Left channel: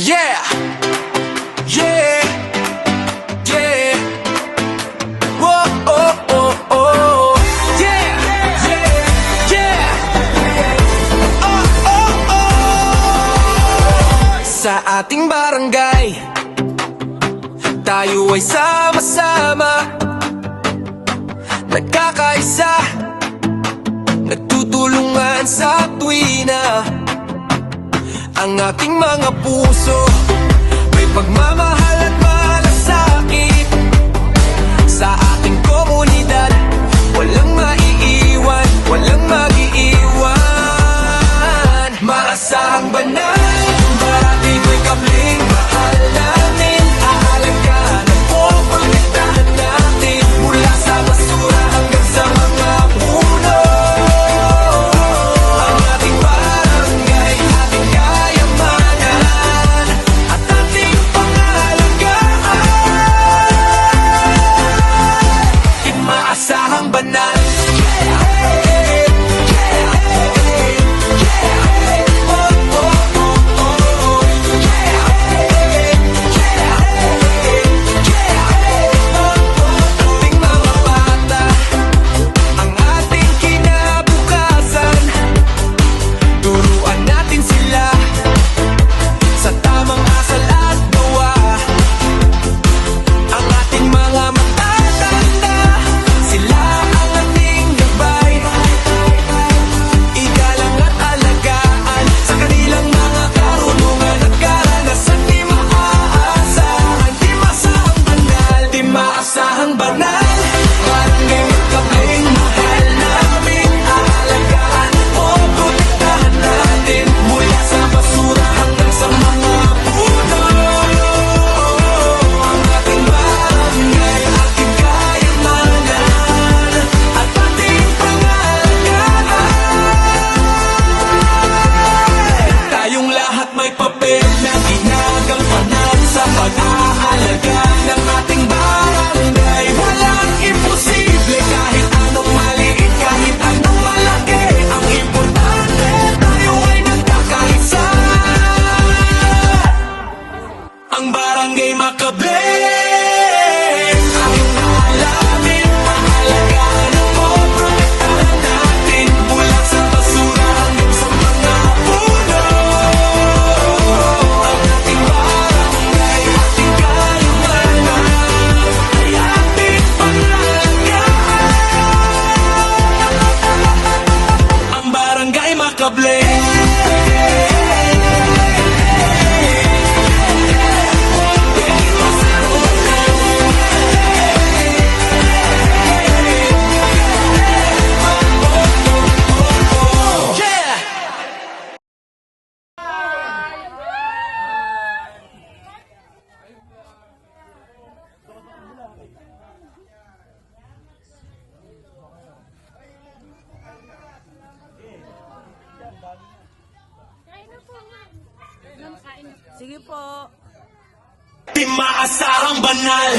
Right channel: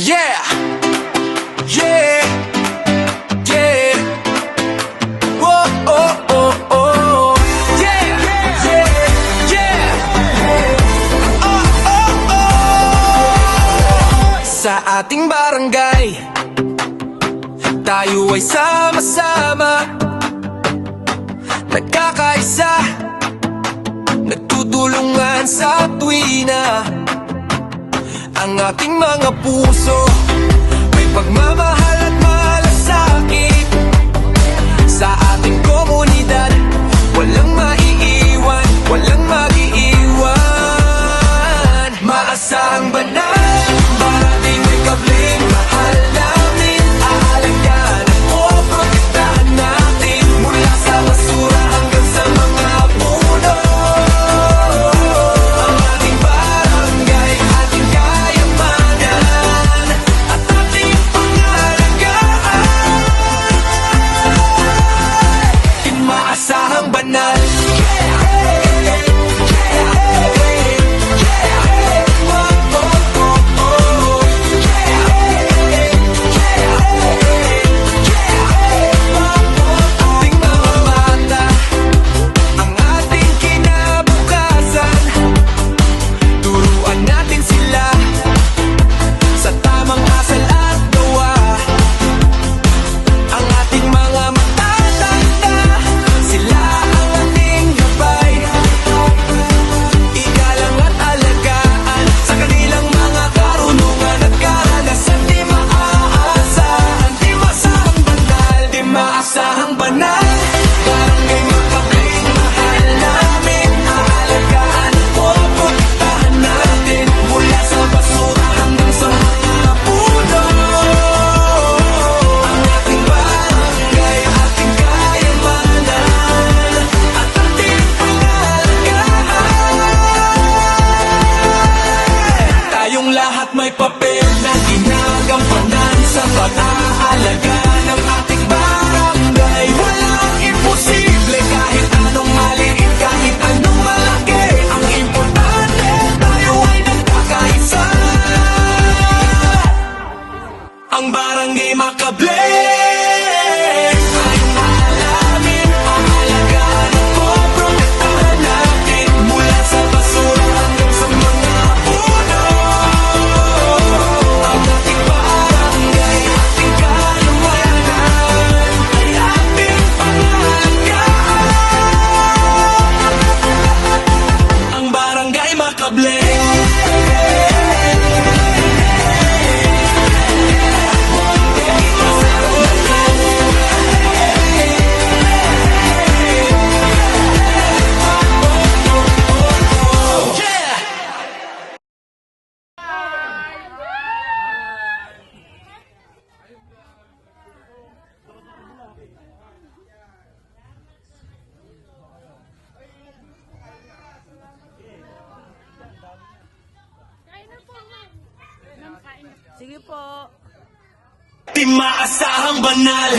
Yeah, yeah, yeah. Whoa, oh, oh, oh. Yeah, yeah, yeah. Oh, oh, oh. Sa ating barangay, tayo ay sama-sama, nagkakaisa, nagtutulungan sa tuwina. Ang ating mga puso may pagmamahal at malasakit. Sa ating komunidad, walang maiiwan, walang mag-iiwan. Maasahang banal, parating may kabling mahal namin. Aalagaan at poprotektahan natin, mula sa basura hanggang sa mga puno. Ang ating barangay, ating kayamanan, at ating pangalagaan. Di maasahang banal. Maasahang banal, barangay makabling mahal namin. Aalagaan at poprotektahan natin, mula sa basura hanggang sa mga puno. Ang ating barangay, ating kayamanan, at ating pangalagaan. Tayong lahat may papel na ginagampanan sa pag-aalaga ng ating barangay. Walang imposible, kahit anong maliit, kahit anong malaki. Ang importante, tayo ay nagkakaisa. Ang barangay Makablen, tayong alamin, aalagaan at poprotektahan natin, mula sa basura hanggang sa mga puno. Ang ating barangay, ating kayamanan, ay ating pangalagaan. Ang barangay Makablen. Sige po. Di maasahang banal,